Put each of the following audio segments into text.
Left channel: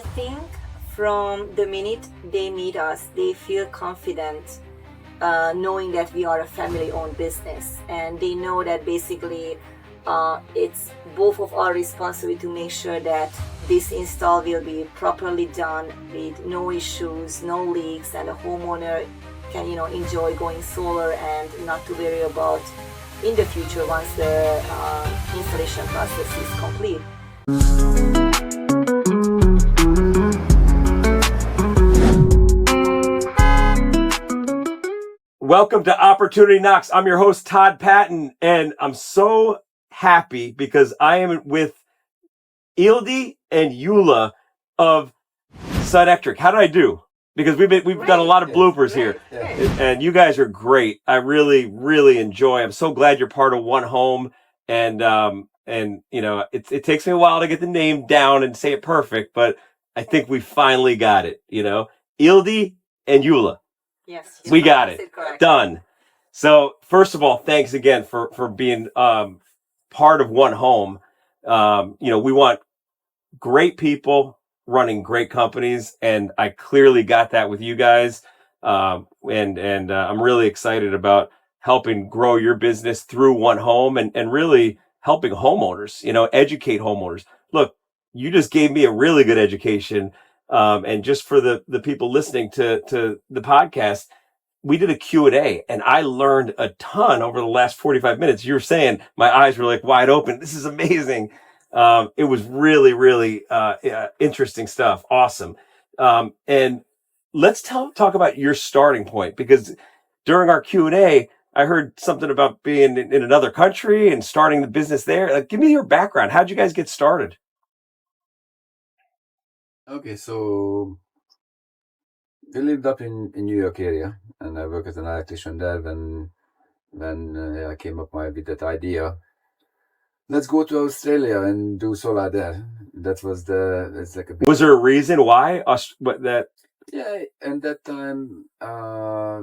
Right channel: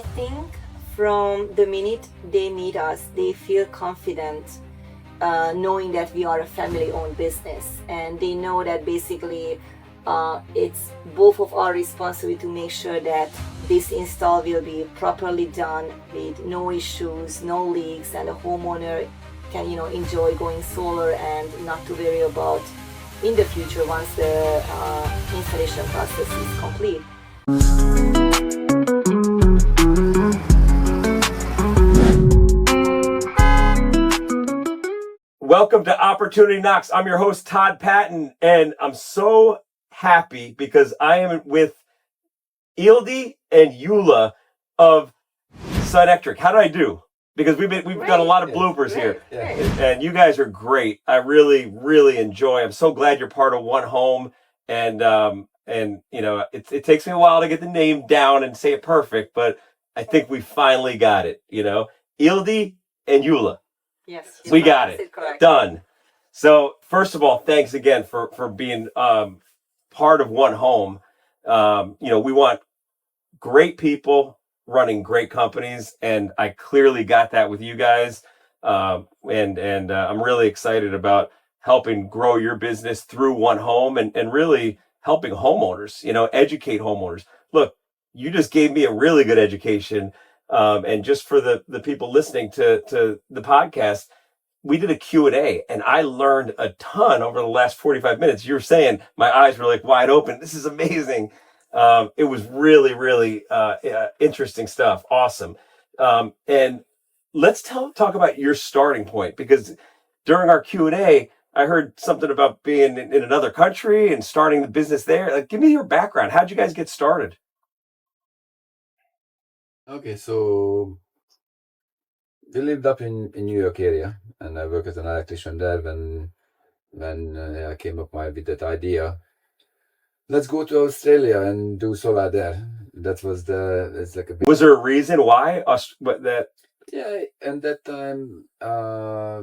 I think from the minute they meet us, they feel confident knowing that we are a family-owned business, and they know that basically it's both of our responsibility to make sure that this install will be properly done with no issues, no leaks, and the homeowner can enjoy going solar and not to worry about in the future once the installation process is complete. Welcome to Opportunity Knocks. I'm your host, Todd Paton, and I'm so happy because I am with Ildiko and Gyula of Sunectric. How do I do? Because we've got a lot of bloopers here, and you guys are great. I really enjoy. I'm so glad you're part of One Home, and it takes me a while to get the name down and say it perfect, but I think we finally got it. Ildiko and Gyula. Yes, we got it. Done. So first of all, thanks again for being part of One Home. We want great people running great companies, and I clearly got that with you guys. I'm really excited about helping grow your business through One Home and really helping homeowners, educate homeowners. Look, you just gave me a really good education. And just for the people listening to the podcast, we did a Q&A, and I learned a ton over the last 45 minutes. You were saying my eyes were like wide open. This is amazing. It was really interesting stuff. Awesome. And let's talk about your starting point, because during our Q&A, I heard something about being in another country and starting the business there. Give me your background. How'd you guys get started? Okay, so we lived up in New York area, and I worked as an electrician there when I came up with that idea. Let's go to Australia and do solar there. That was it's like a big... Was there a reason why? Yeah, and that time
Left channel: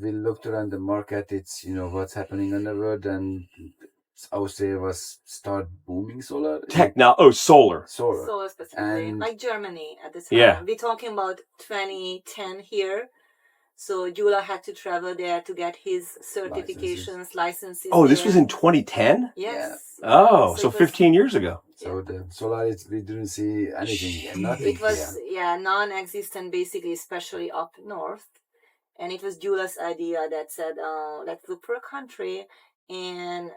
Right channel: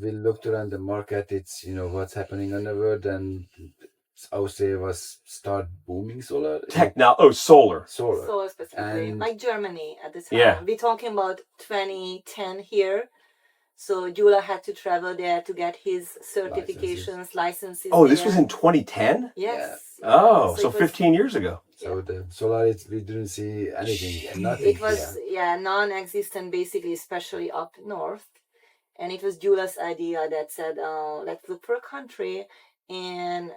we looked around the market. It's what's happening in the world, and Australia was start booming solar. Solar specifically, and like Germany at the time. Yeah. We're talking about 2010 here. So Gyula had to travel there to get his certifications, licenses. Oh, this was in 2010? Yes. Yeah. Oh, so 15 years ago. So the solar, we didn't see anything. Nothing. It was non-existent basically, especially up north. And it was Gyula's idea that said, let's look for a country. And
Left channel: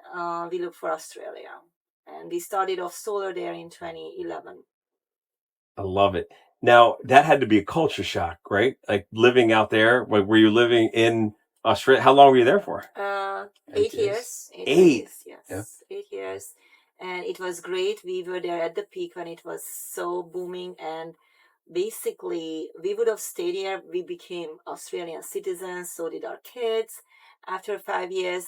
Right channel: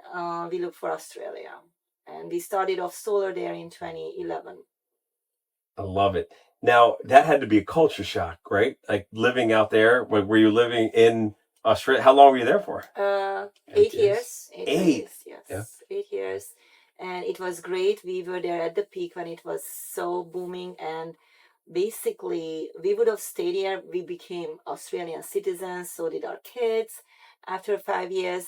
we looked for Australia, and we started off solar there in 2011. I love it. Now that had to be a culture shock, right? Like living out there. Were you living in Australia? How long were you there for? 8 years. 8 years, yes. Yeah. 8 years, and it was great. We were there at the peak when it was so booming, and basically we would have stayed here. We became Australian citizens. So did our kids. After 5 years.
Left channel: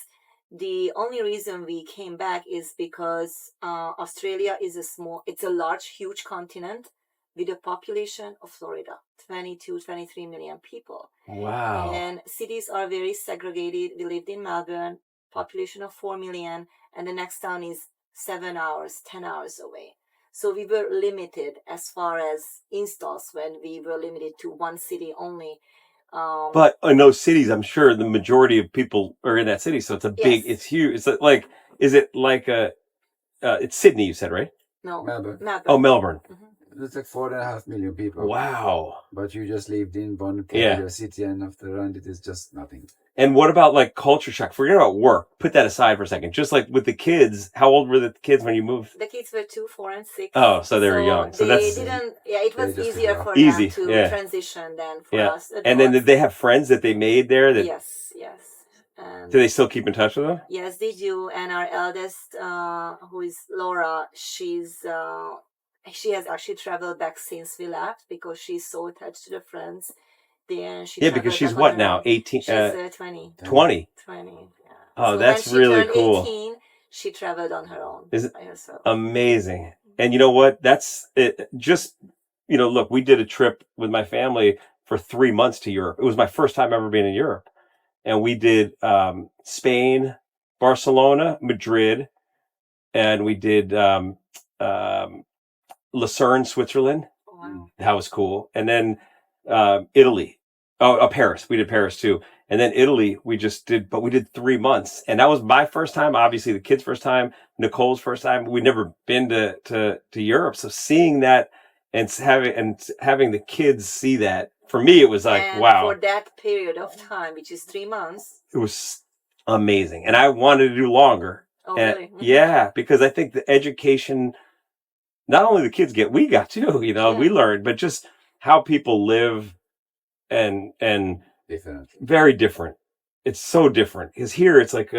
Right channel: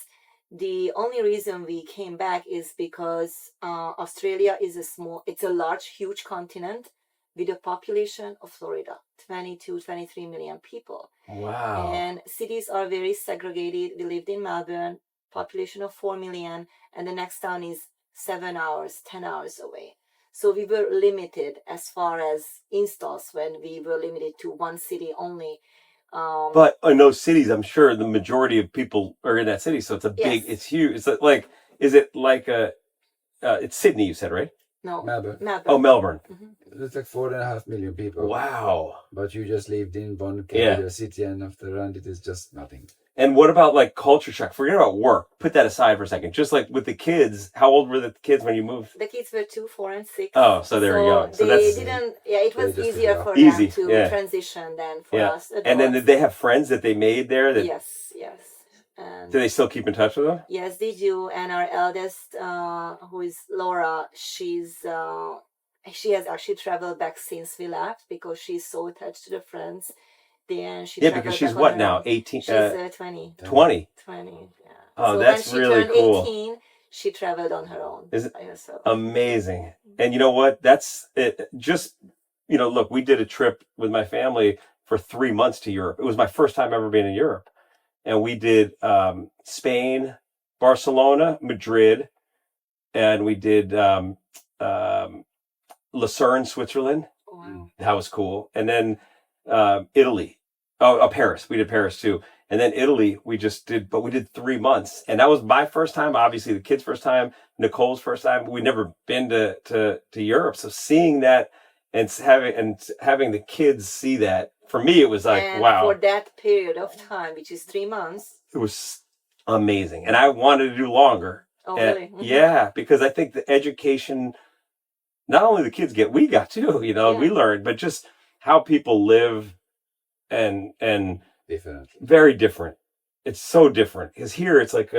The only reason we came back is because Australia is it's a large, huge continent with a population of Florida, 22, 23 million people. Wow. And cities are very segregated. We lived in Melbourne, population of 4 million, and the next town is 7 hours, 10 hours away. So we were limited as far as installs when we were limited to one city only. But in those cities, I'm sure the majority of people are in that city, so it's it's huge. Is it like it's Sydney? You said, right? No, Melbourne. Oh, Melbourne. Mm-hmm. It's like 4.5 million people. Wow. But you just lived in one capital city, and after that, it is just nothing. And what about like culture shock? Forget about work. Put that aside for a second. Just like with the kids, how old were the kids when you moved? The kids were 2, 4, and 6. Oh, so they were young. So it was easier for them to transition than for us adults. And then did they have friends that they made there? Yes. Do they still keep in touch with them? Yes, they do. And our eldest, who is Laura, she has actually traveled back since we left because she's so attached to the friends. Then because she's what now? 18? She's 20. 20? 20, yeah. Oh, so that's really cool. When she turned 18, she traveled on her own. By herself. Amazing. And you know what? That's it. Just, look, we did a trip with my family for 3 months to Europe. It was my first time ever being in Europe. And we did Spain, Barcelona, Madrid, and we did Lucerne, Switzerland. Wow. That was cool. And then Italy. Oh, Paris. We did Paris too. And then Italy, we did 3 months. And that was my first time, obviously the kids' first time, Nicole's first time. We'd never been to Europe. So seeing that and having the kids see that, for me, it was like, And wow. for that period of time, which is 3 months. It was amazing. And I wanted to do longer. Oh, And, really? yeah, because I think the education, not only the kids get, we got too, Yeah. we learned, but just how people live and Different. very different. It's so different. Because here it's like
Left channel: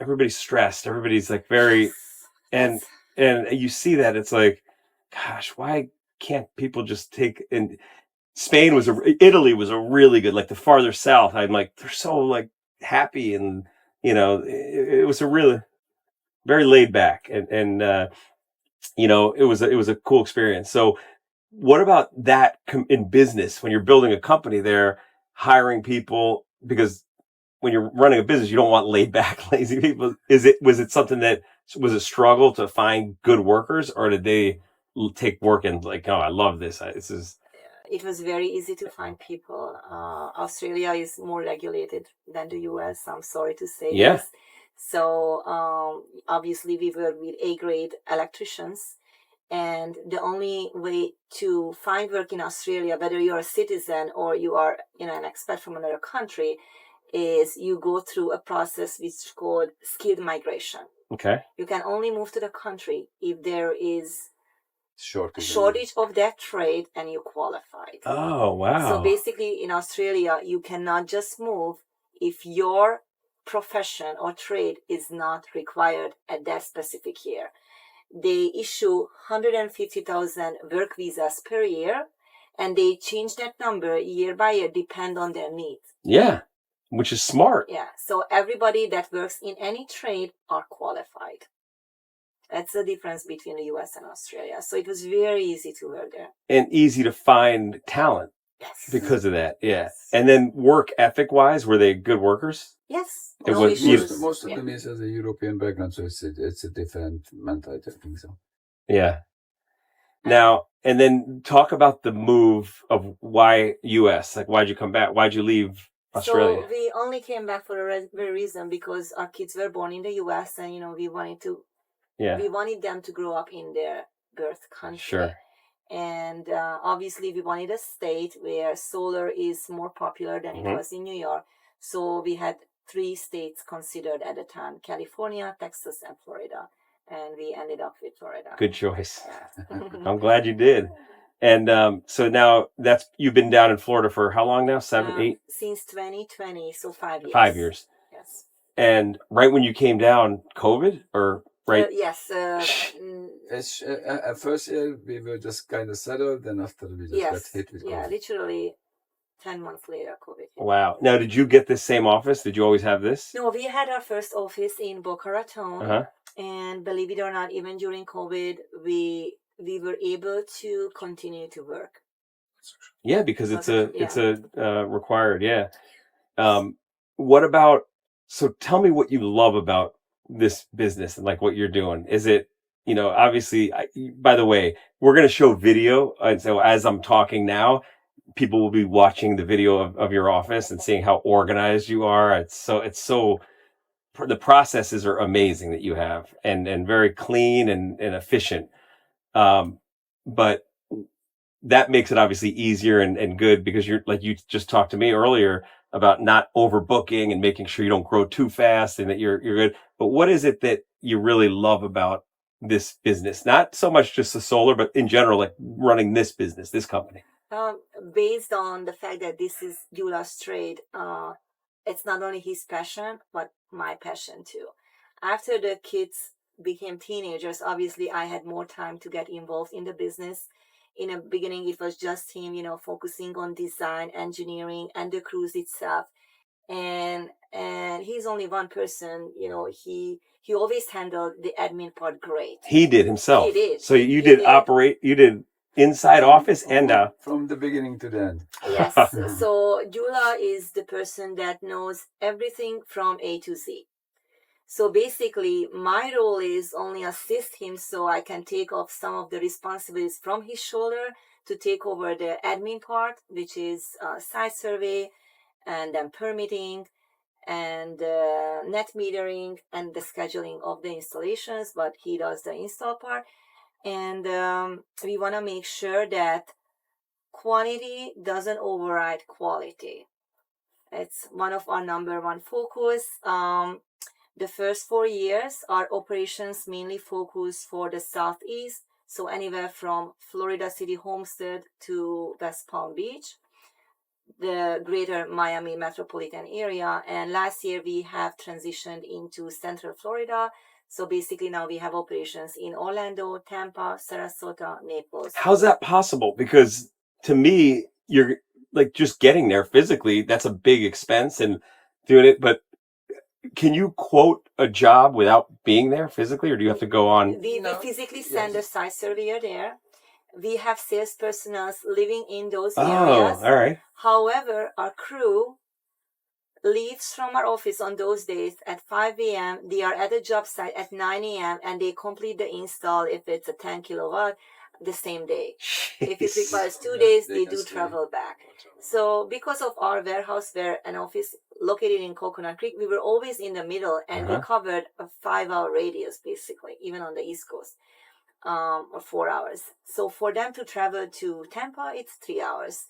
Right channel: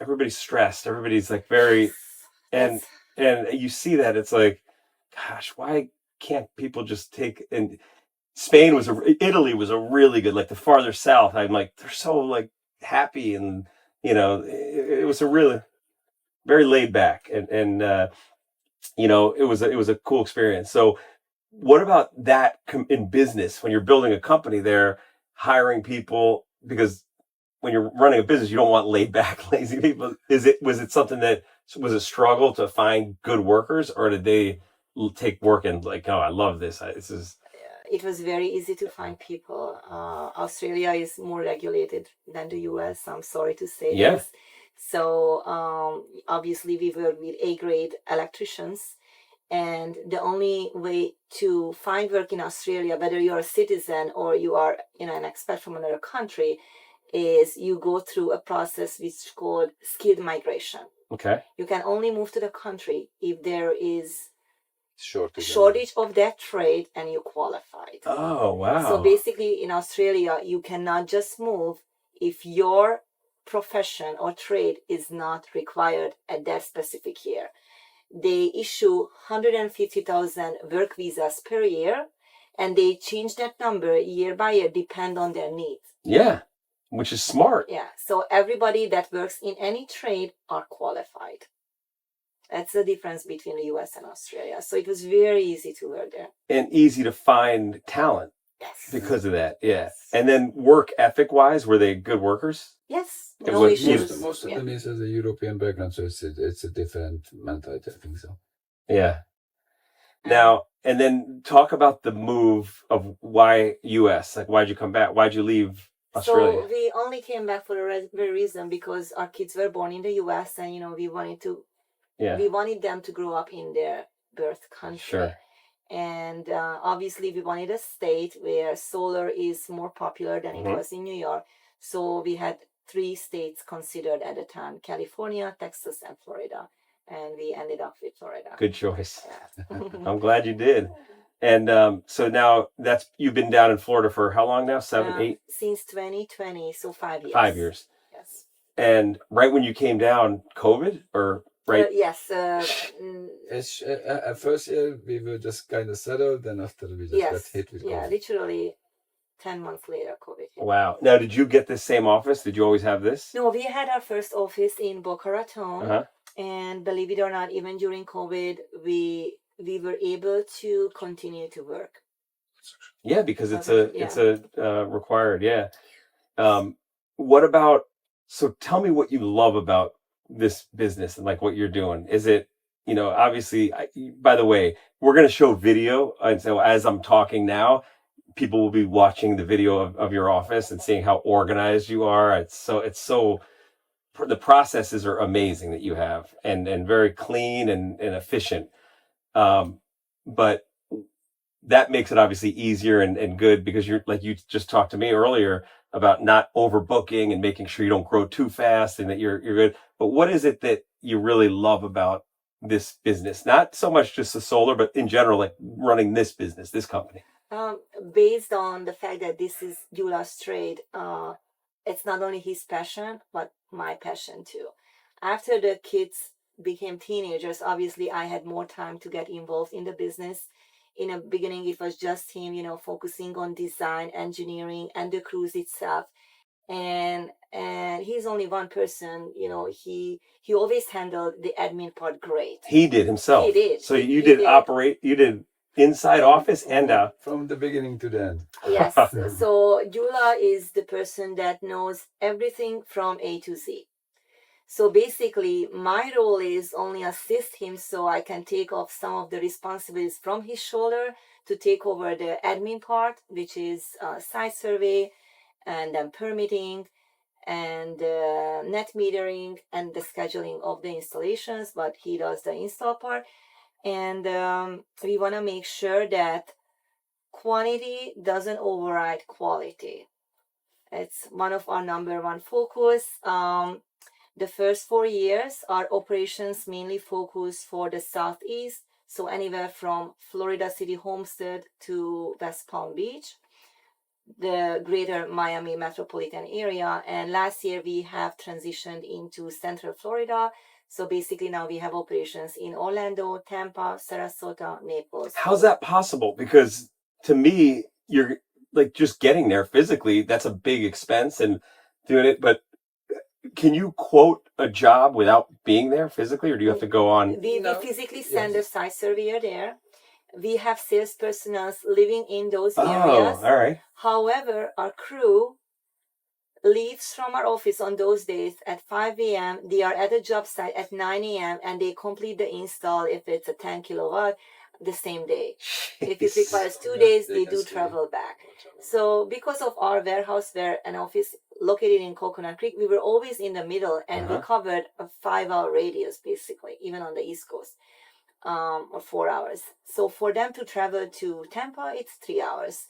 everybody's stressed. Everybody's like very, and you see that it's like, gosh, why can't people just take, and Italy was a really good, like the farther south, I'm like, they're so like happy, and it was a really very laid back, and it was a cool experience. So what about that in business, when you're building a company there, hiring people, because when you're running a business, you don't want laid back, lazy people. Was it something that was a struggle to find good workers, or did they take work and like, oh, I love this. It was very easy to find people. Australia is more regulated than the US. I'm sorry to say this. So obviously we work with A-grade electricians, and the only way to find work in Australia, whether you're a citizen or you are an expat from another country, is you go through a process which is called skilled migration. Okay. You can only move to the country if there is shortage of that trade and you qualified. Oh, wow. So basically in Australia, you cannot just move if your profession or trade is not required at that specific year. They issue 150,000 work visas per year, and they change that number year by year, depend on their needs. Yeah, which is smart. Yeah, so everybody that works in any trade are qualified. That's the difference between the US and Australia. So it was very easy to work there. And easy to find talent. Yes. Because of that, yeah. Yes. And then work ethic wise, were they good workers? Yes. It No was- issues. Most of them is as a European background, so it's a different mentality, I think so. Yeah. Now, and then talk about the move of why US. Like, why'd you come back? Why'd you leave Australia? So we only came back for a very reason, because our kids were born in the US, and we wanted them to grow up in their birth country. Sure. And obviously we wanted a state where solar is more popular than Mhm. it was in New York. So we had 3 states considered at the time: California, Texas, and Florida. And we ended up with Florida. Good choice. Yeah. I'm glad you did. And so now you've been down in Florida for how long now? 7, 8? Since 2020, so 5 years. 5 years. Yes. And right when you came down, COVID, or right? Yes. It's, at first year we were just kind of settled, then after we just got hit with COVID. Yeah, literally 10 months later, COVID hit. Wow. Now, did you get this same office? Did you always have this? No, we had our first office in Boca Raton. Uh-huh. And believe it or not, even during COVID, we were able to continue to work. Yeah, because it's a required. Yeah. What about? So tell me what you love about this business and like what you're doing. Is it, obviously? By the way, we're going to show video, and so as I'm talking now, people will be watching the video of your office and seeing how organized you are. It's so. The processes are amazing that you have, and very clean and efficient. But that makes it obviously easier and good, because you're, like you just talked to me earlier about not overbooking and making sure you don't grow too fast and that you're good. But what is it that you really love about this business? Not so much just the solar, but in general, like running this business, this company. Based on the fact that this is Gyula's trade, it's not only his passion, but my passion too. After the kids became teenagers, obviously I had more time to get involved in the business. In the beginning, it was just him, focusing on design, engineering, and the cruise itself. And he's only one person, he always handled the admin part great. He did himself. He did. So you did inside office and out. From the beginning to the end. Yes. So Gyula is the person that knows everything from A to Z. So basically, my role is only assist him so I can take off some of the responsibilities from his shoulder to take over the admin part, which is site survey and then permitting and net metering and the scheduling of the installations, but he does the install part. And we want to make sure that quantity doesn't override quality. It's one of our number one focus. The first 4 years, our operations mainly focus for the Southeast, so anywhere from Florida City Homestead to West Palm Beach, the greater Miami metropolitan area. And last year we have transitioned into Central Florida. So basically now we have operations in Orlando, Tampa, Sarasota, Naples. How's that possible? Because to me, you're like just getting there physically, that's a big expense and doing it. But can you quote a job without being there physically, or do you have to go on? We physically send a site surveyor there. We have sales personnel living in those areas. All right. However, our crew leaves from our office on those days at 5 a.m. They are at the job site at 9 a.m. and they complete the install if it's a 10 kilowatt the same day. Jeez. If it requires 2 days, they they can do stay. travel back. So because of our warehouse where an office located in Coconut Creek, we were always in the middle and we covered a 5-hour radius basically, even on the East Coast, or 4 hours. So for them to travel to Tampa, it's 3 hours.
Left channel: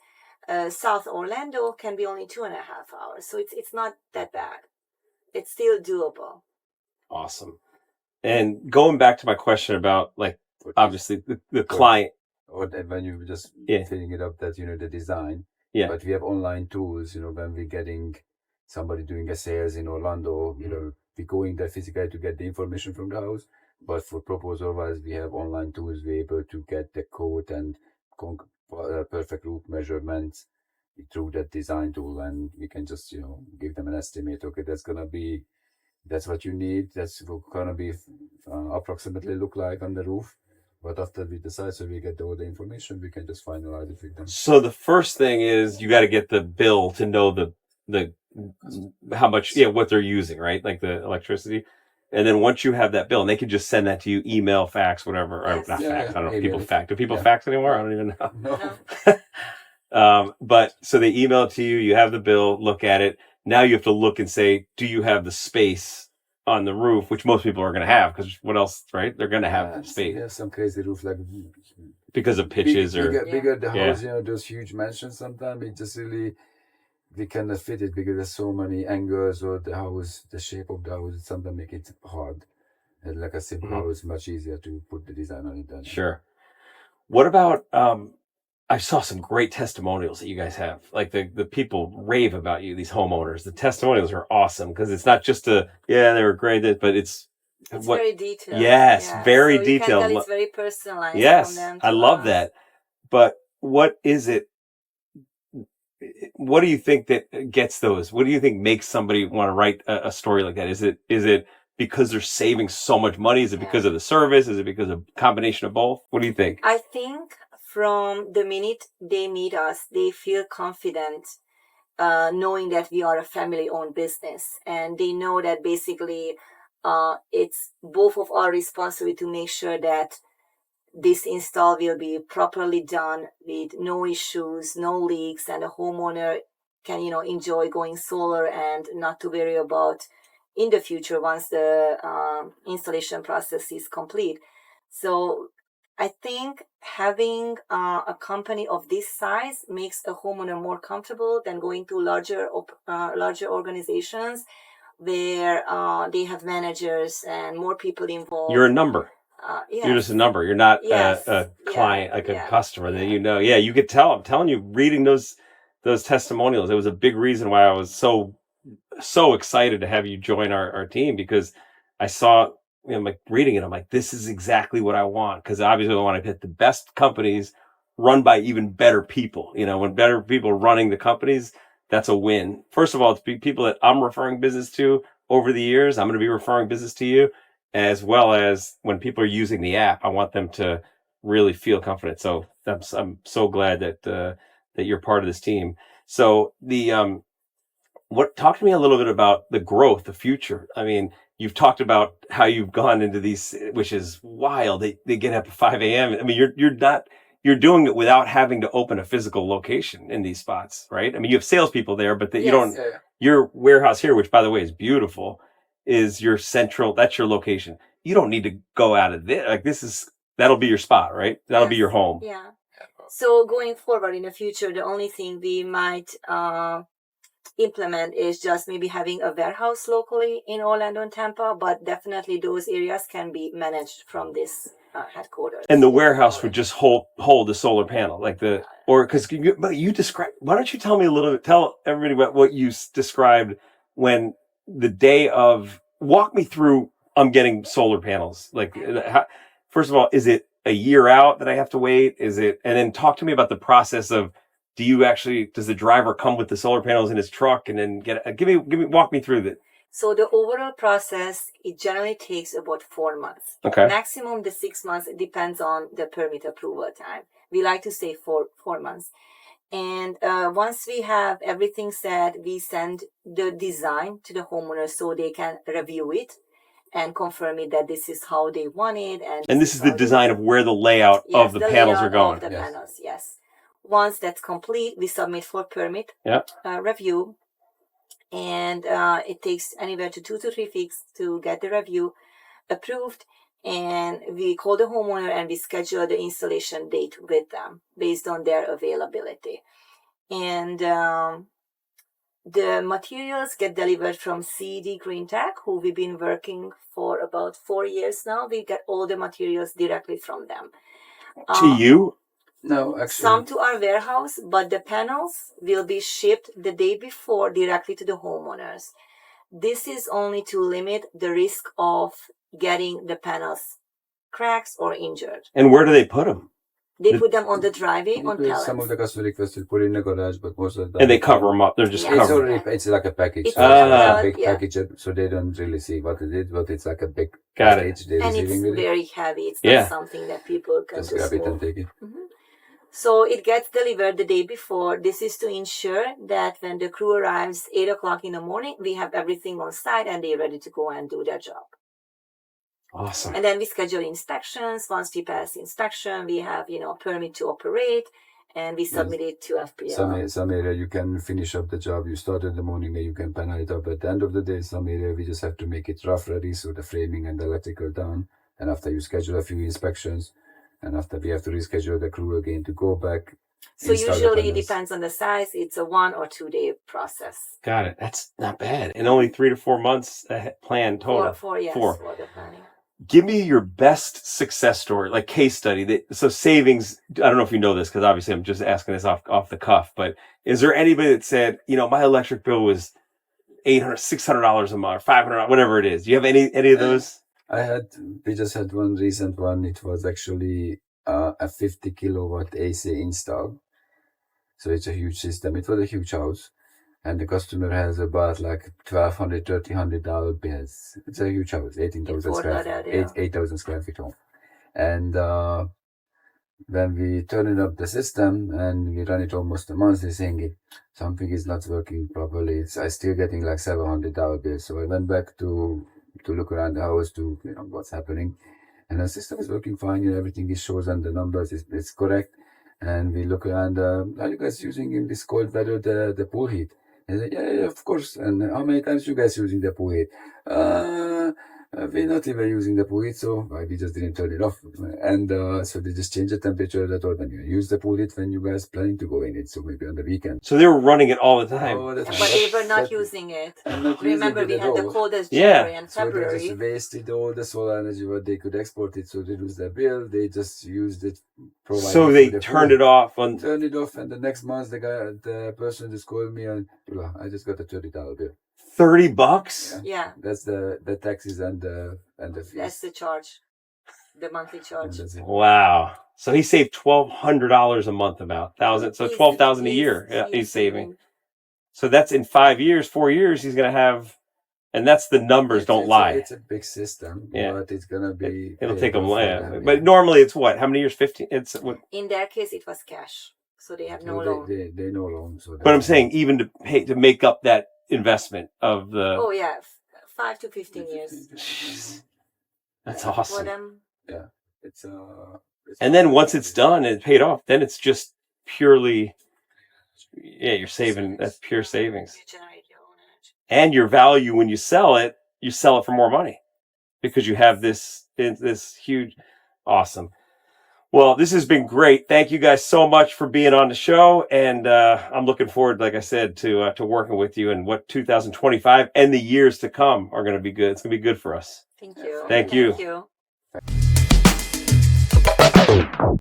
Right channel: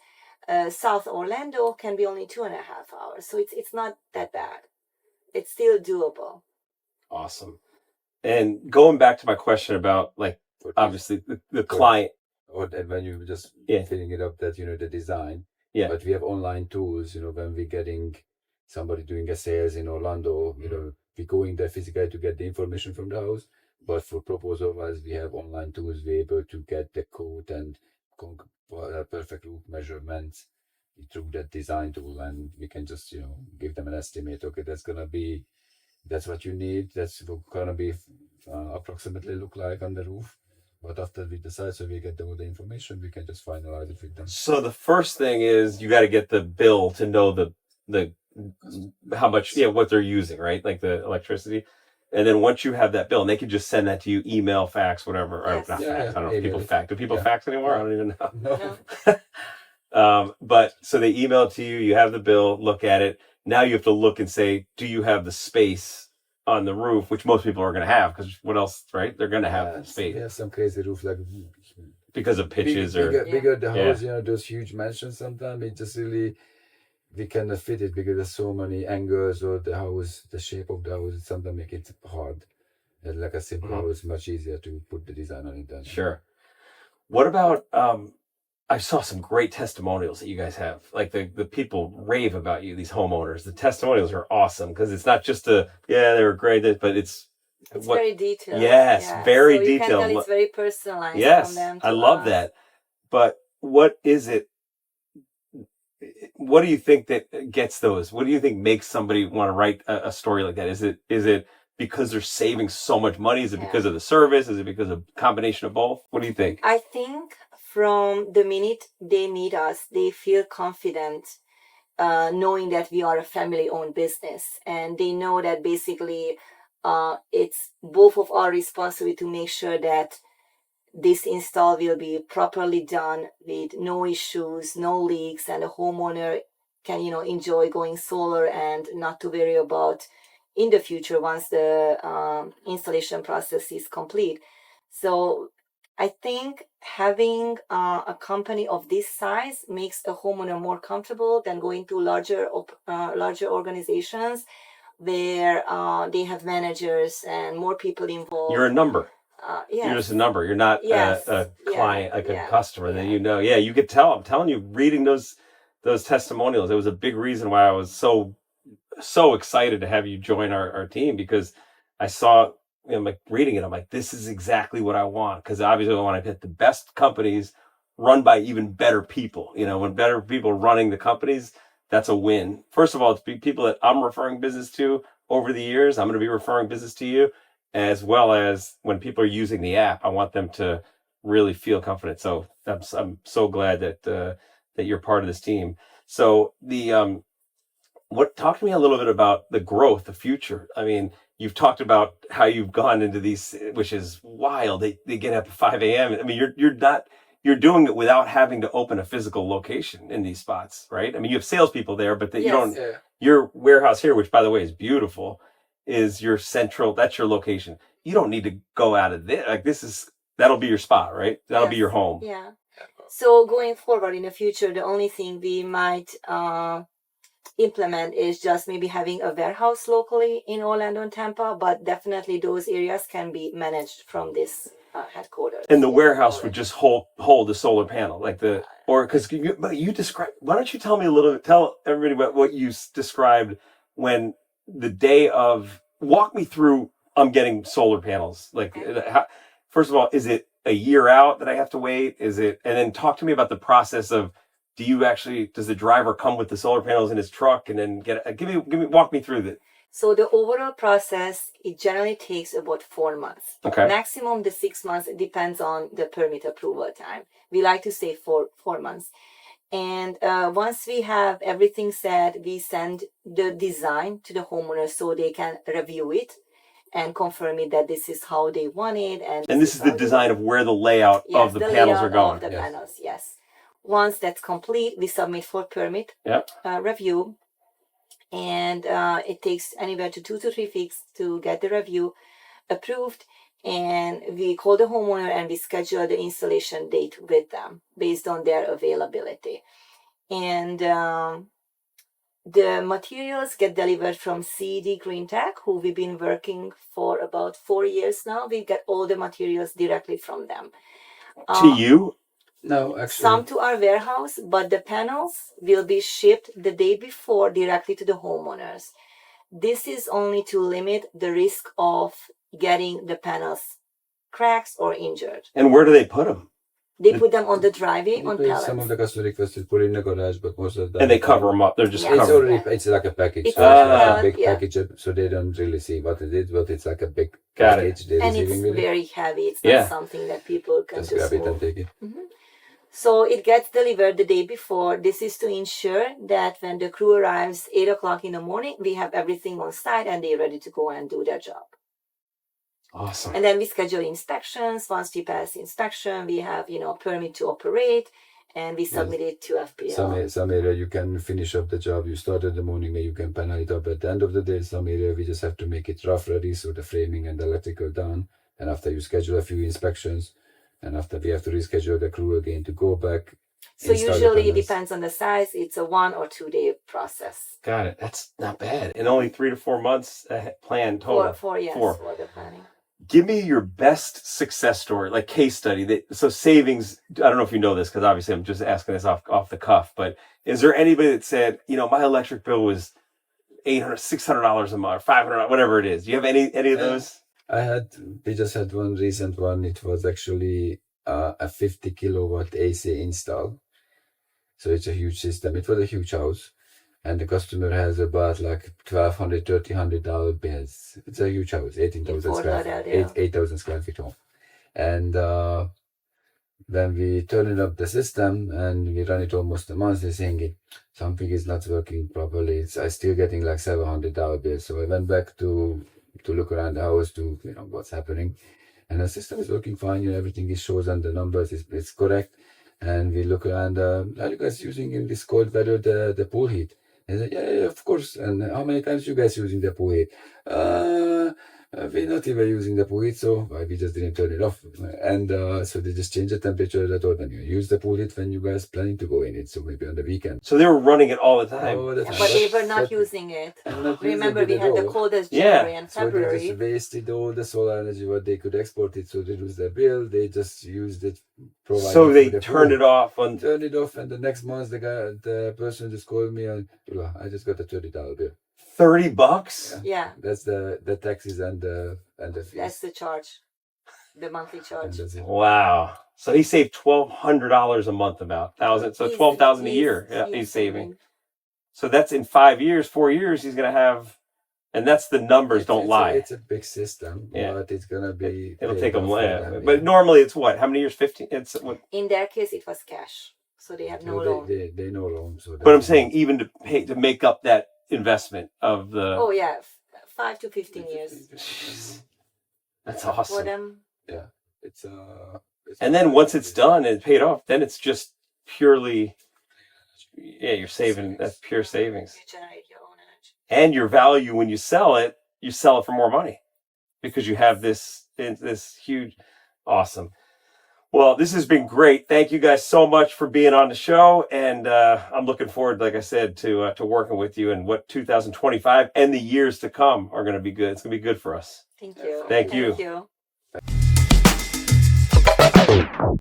South Orlando can be only 2.5 hours. So it's not that bad. It's still doable. Awesome. And going back to my question about like, obviously the client. Or when you just Yeah. filling it up that, the design. Yeah. But we have online tools, when we're getting somebody doing a sales in Orlando, we going there physically to get the information from the house. But for proposal wise, we have online tools. We're able to get the quote and perfect roof measurements through that design tool. And we can just, give them an estimate. Okay, that's what you need. That's gonna be approximately look like on the roof. But after we decide, so we get all the information, we can just finalize it with them. So the first thing is you got to get the bill to know the how much, what they're using, right? Like the electricity. And then once you have that bill, and they can just send that to you, email, fax, whatever. Yes. Or not Yeah, fax. yeah. I don't know if people Email. fax. Do people Yeah. fax anymore? I don't even know. No. But so they email it to you, you have the bill, look at it. Now you have to look and say, do you have the space on the roof, which most people are going to have, because what else, right? They're going to have space We have some crazy roof, like because of pitches bigger the Yeah. house, those huge mansions sometimes it just really, we cannot fit it because there's so many angles or the house, the shape of the house, it sometimes make it hard. And like a simple house, much easier to put the design on it. Sure. What about, I saw some great testimonials that you guys have. Like the people rave about you, these homeowners. The testimonials are awesome because it's not just they were great, but it's very detailed. Yes, very so detailed. You can tell it's very personalized Yes, from them to I love us. that. But what is it? What do you think that gets those? What do you think makes somebody want to write a story like that? Is it because they're saving so much money? Is it because of the service? Is it because of a combination of both? What do you think? I think from the minute they meet us, they feel confident knowing that we are a family-owned business. And they know that basically it's both of our responsibility to make sure that this install will be properly done with no issues, no leaks, and the homeowner can, enjoy going solar and not to worry about in the future once the installation process is complete. So I think having a company of this size makes a homeowner more comfortable than going to larger organizations where they have managers and more people involved. You're a number. Yes. You're just a number. You're not a client, a customer that you could tell. I'm telling you, reading those testimonials, it was a big reason why I was so excited to have you join our team, because I saw, like reading it, I'm like, this is exactly what I want. Because obviously I want to get the best companies run by even better people. When better people are running the companies, that's a win. First of all, it's people that I'm referring business to over the years. I'm going to be referring business to you, as well as when people are using the app, I want them to really feel confident. So I'm so glad that you're part of this team. So talk to me a little bit about the growth, the future. I mean, you've talked about how you've gone into these, which is wild. They get up at 5 a.m. I mean, you're doing it without having to open a physical location in these spots, right? I mean, you have salespeople there, but you Yes. don't. Yeah. Your warehouse here, which by the way is beautiful, is your central. That's your location. You don't need to go out of this. Like that'll be your spot, right? That'll be Yes. your home. Yeah. So going forward in the future, the only thing we might implement is just maybe having a warehouse locally in Orlando and Tampa, but definitely those areas can be managed from this headquarters. And the warehouse would just hold the solar panel, like because you describe. Why don't you tell me a little bit? Tell everybody what you described when the day of. Walk me through. I'm getting solar panels. Like, first of all, is it a year out that I have to wait? Is it? And then talk to me about the process of. Does the driver come with the solar panels in his truck and then walk me through that? So the overall process, it generally takes about 4 months. Okay. Maximum the 6 months. It depends on the permit approval time. We like to say 4 months. And once we have everything set, we send the design to the homeowner so they can review it and confirm it that this is how they want it. And this is the design of where the layout of the panels are going. Of the panels, yes. Once that's complete, we submit for permit review. And it takes anywhere to 2 to 3 weeks to get the review approved. And we call the homeowner and we schedule the installation date with them based on their availability. And the materials get delivered from CD Green Tech, who we've been working for about 4 years now. We get all the materials directly from them. To you? No, actually. Some to our warehouse, but the panels will be shipped the day before directly to the homeowners. This is only to limit the risk of getting the panels cracks or injured. And where do they put them? They put them on the driveway on pallets. Some of the customers requested put in the garage, but most of the time. And they cover them up. They're just It's like a package. It's a big package, so they don't really see what it is, but it's like a big package. And it's very heavy. It's not something that people can just grab it and take it. Mm-hmm. So it gets delivered the day before. This is to ensure that when the crew arrives 8 o'clock in the morning, we have everything on site and they're ready to go and do their job. Awesome. And then we schedule inspections. Once we pass inspection, we have, permit to operate and we submit it to FPL. Some area you can finish up the job. You start in the morning and you can panel it up at the end of the day. Some area we just have to make it rough ready, so the framing and the electrical done. And after you schedule a few inspections, and after we have to reschedule the crew again to go back. So usually it depends on the size. It's a 1 or 2 day process. Got it. That's not bad. And only 3 to 4 months plan total. For the planning. Give me your best success story, like case study. So savings, I don't know if you know this, because obviously I'm just asking this off the cuff, but is there anybody that said, my electric bill was $800, $600 a month, $500, whatever it is? Do you have any of those? We just had one recent one. It was actually a 50 kilowatt AC install. So it's a huge system. It was a huge house. And the customer has about like $1,200, $1,300 bills. It's a huge house, 18,000 square feet, 8,000 square feet home. And when we turn up the system and we run it almost a month, they're saying something is not working properly. I'm still getting like $700 bills. So I went back to look around the house to what's happening, and the system is working fine. Everything is shows and the numbers is correct. And we look around. Are you guys using in this cold weather the pool heat? And I said, yeah, of course. And how many times you guys using the pool heat? We're not even using the pool heat, so we just didn't turn it off. And so they just changed the temperature that all when you use the pool heat when you guys planning to go in it, so maybe on the weekend. So they were running it all the time. But they were not using it. Remember, we had the coldest January and February. So they just wasted all the solar energy what they could export it, so they lose their bill. They just used it. So they turned it off. Turned it off, and the next month the person just called me and I just got a $30 bill. $30? Yeah. That's the taxes and the fees. That's the charge, the monthly charge. Wow. So he saved $1,200 a month, about $1,000. So $12,000 a year. He's saving. So that's in 5 years, 4 years. He's gonna have, and that's the numbers. Don't lie. It's a big system, but it's gonna be. It'll take them. But normally it's what? How many years? 15. It's what? In their case, it was cash, so they have no loan. They no loan. So but I'm saying even to make up that investment of the 5 to 15 years. Jeez. That's For awesome. them. Yeah, it's And then once it's done and paid off, then it's just purely, yeah, you're saving. That's pure savings. You generate your own energy. And your value when you sell it for more money because you have this huge, awesome. Well, this has been great. Thank you guys so much for being on the show, and I'm looking forward, like I said, to working with you and what 2025 and the years to come are going to be good. It's going to be good for us. Thank you. Thank you. Thank you.